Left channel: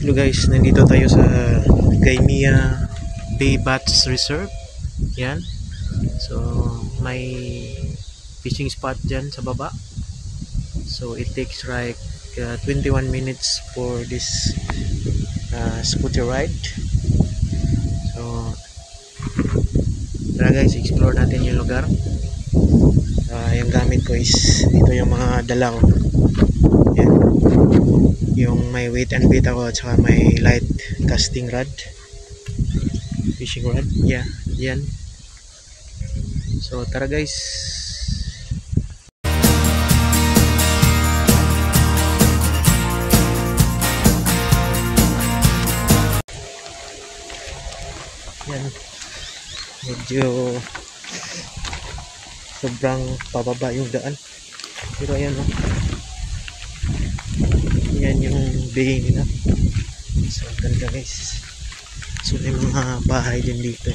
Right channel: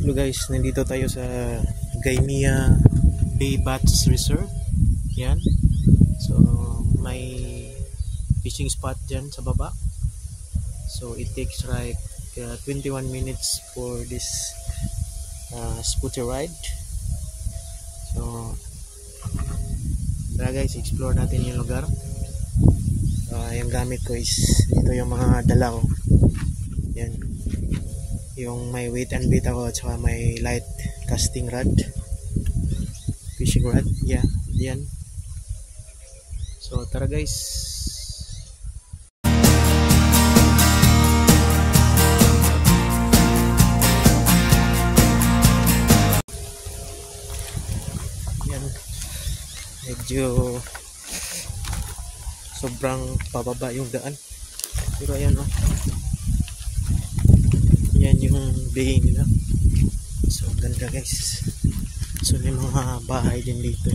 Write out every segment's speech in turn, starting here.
Hello guys, nandito tayo sa Kaimia Bay Bats Reserve. Yan. So may fishing spot dyan sa baba. So it takes like 21 minutes for this scooter ride. So tara guys, explore natin yung lugar. Yung gamit ko is dito yung mga dala ko. Yan. Yung may weight and bait ako at saka may light casting rod, fishing rod. Yeah, yan. So tara guys. Yan. Medyo sobrang pababa yung daan. Pero ayan o. Yan yung bay nila. So ganda guys. So may mga bahay din dito.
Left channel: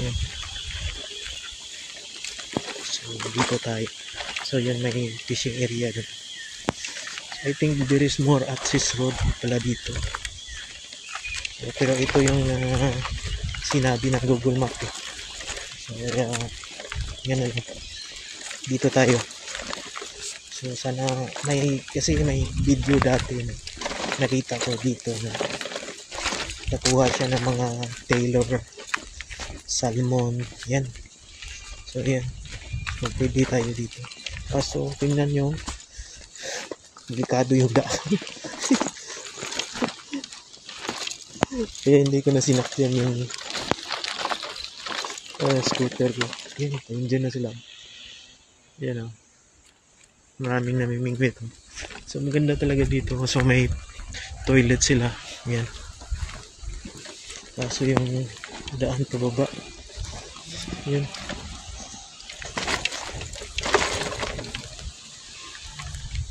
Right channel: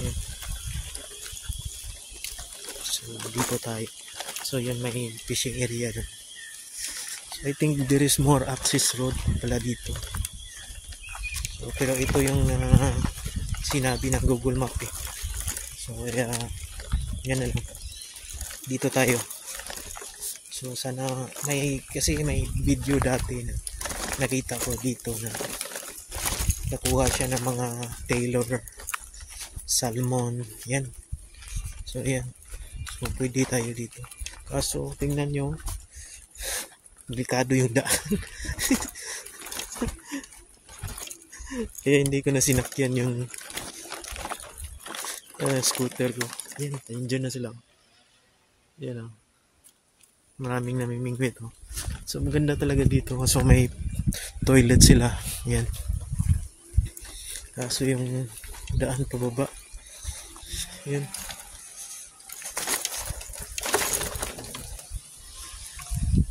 Yan. So dito tayo. So yan may fishing area dun. So, I think there is more access road pala dito. So, pero ito yung sinabi ng Google Map eh. So yan na yun. Dito tayo. So sana kasi may video dati na nakita ko dito na nakuha siya ng mga tailor salmon. Yan. So yan. So pwede tayo dito. Kaso tingnan nyo, delikado yung daan. Kaya hindi ko na sinakyan yung scooter ko. Yan, nandiyan na sila. Yan o. Maraming namimingwit o. So maganda talaga dito. So may toilet sila. Yan. Kaso yung daan pababa. Yan.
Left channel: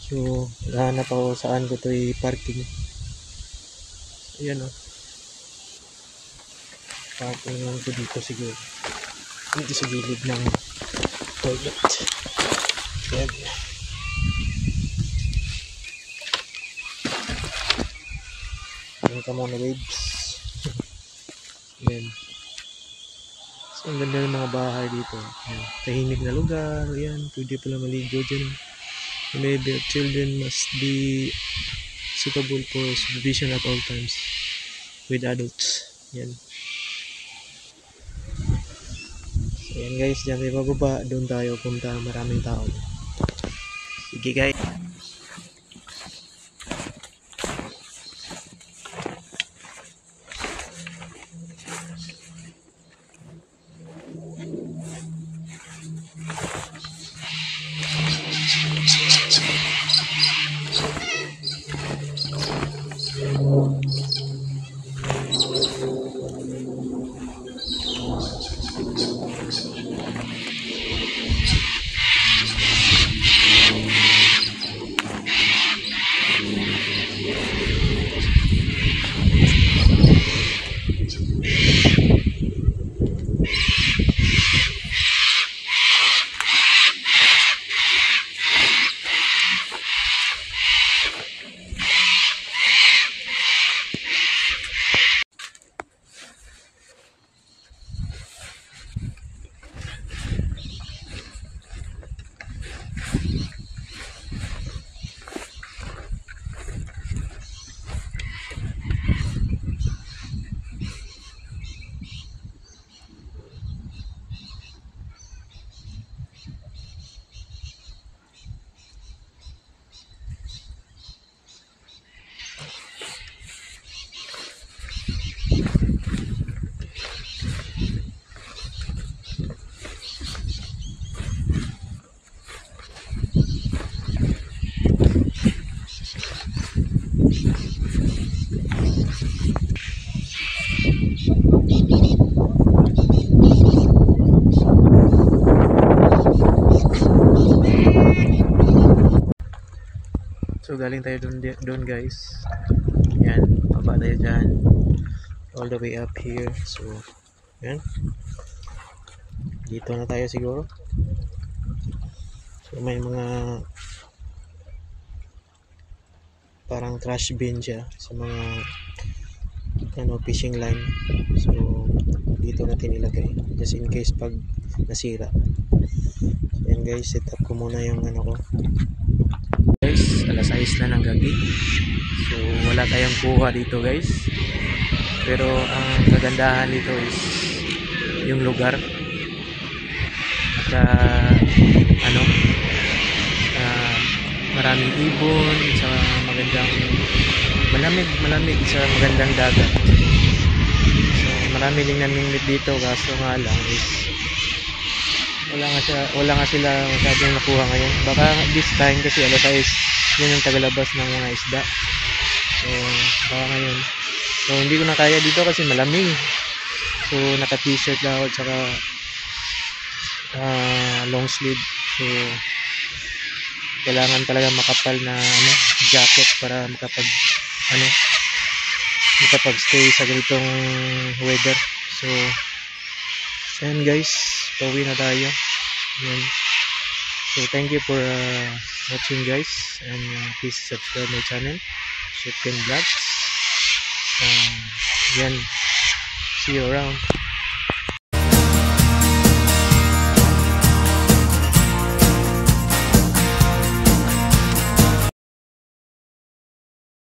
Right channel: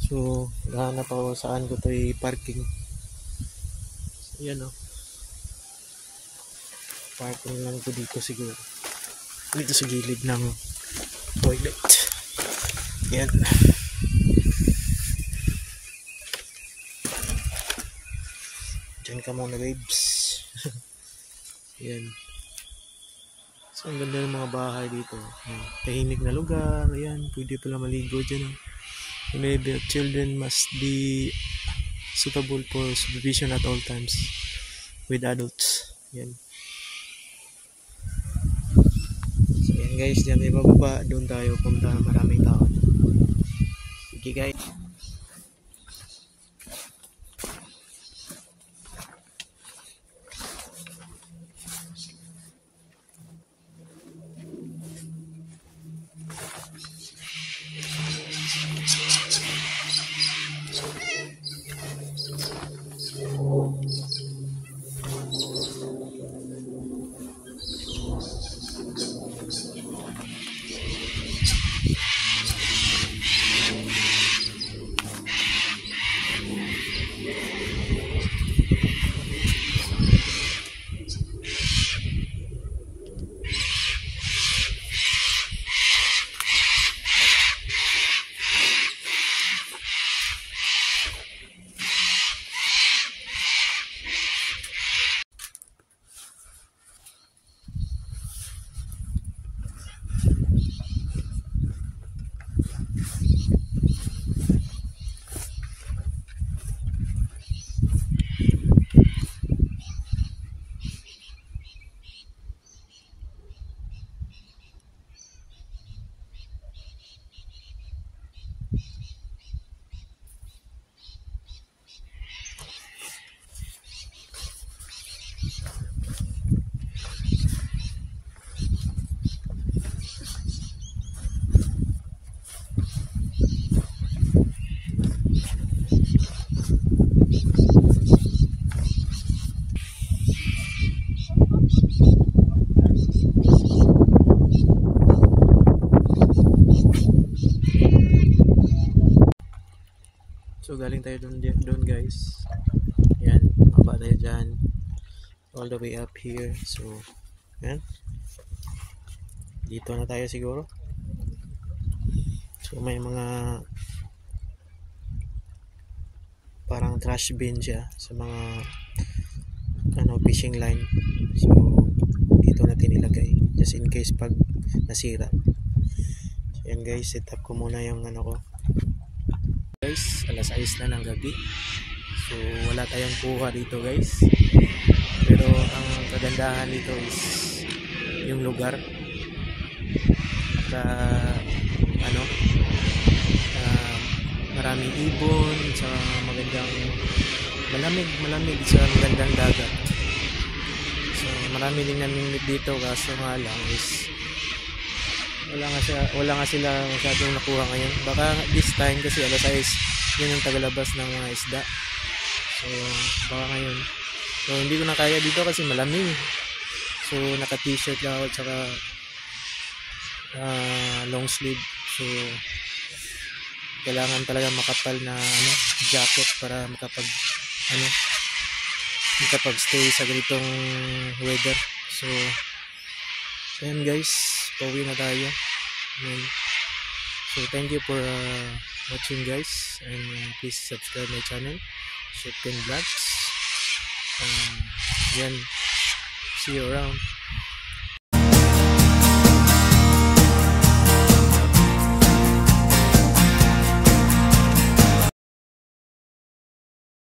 So nahanap ako saan ko ito i-parking. Yan o. Parking lang ito dito siguro. Dito sa gilid ng toilet. Yan. Yan ka muna babes. Yan. So ang ganda ng mga bahay dito. Yan. Tahimik na lugar. Yan. Pwede pala maligo dyan. Maybe children must be suitable for supervision at all times with adults. Yan. So yan guys, dyan may bababa. Doon tayo punta. Maraming tao. Sige guys. So galing tayo doon guys. Yan, baba tayo dyan. All the way up here. So, yan. Dito na tayo siguro. So may mga trash bin siya sa mga fishing line. So dito natin ilagay just in case pag nasira. So yan guys, set up ko muna yung ko. Guys, alas 6 na ng gabi. So wala tayong kuha dito guys. Pero ang kagandahan dito is yung lugar. Maraming ibon sa magandang malamig sa magandang dagat. So marami din namimit dito, kaso nga lang is wala nga sila masyadong nakuha ngayon. Baka this time kasi alas 6 yun yung tagalabas ng mga isda. So baka ngayon, so hindi ko na kaya dito kasi malamig. So naka t-shirt lang ako tsaka long sleeve. So kailangan talaga makapal na jacket para makapag stay sa ganitong weather. So ayan guys, pauwi na tayo. Ayan. So thank you for watching guys, and please subscribe my channel, Shipken Vlogs. Yan, see you around.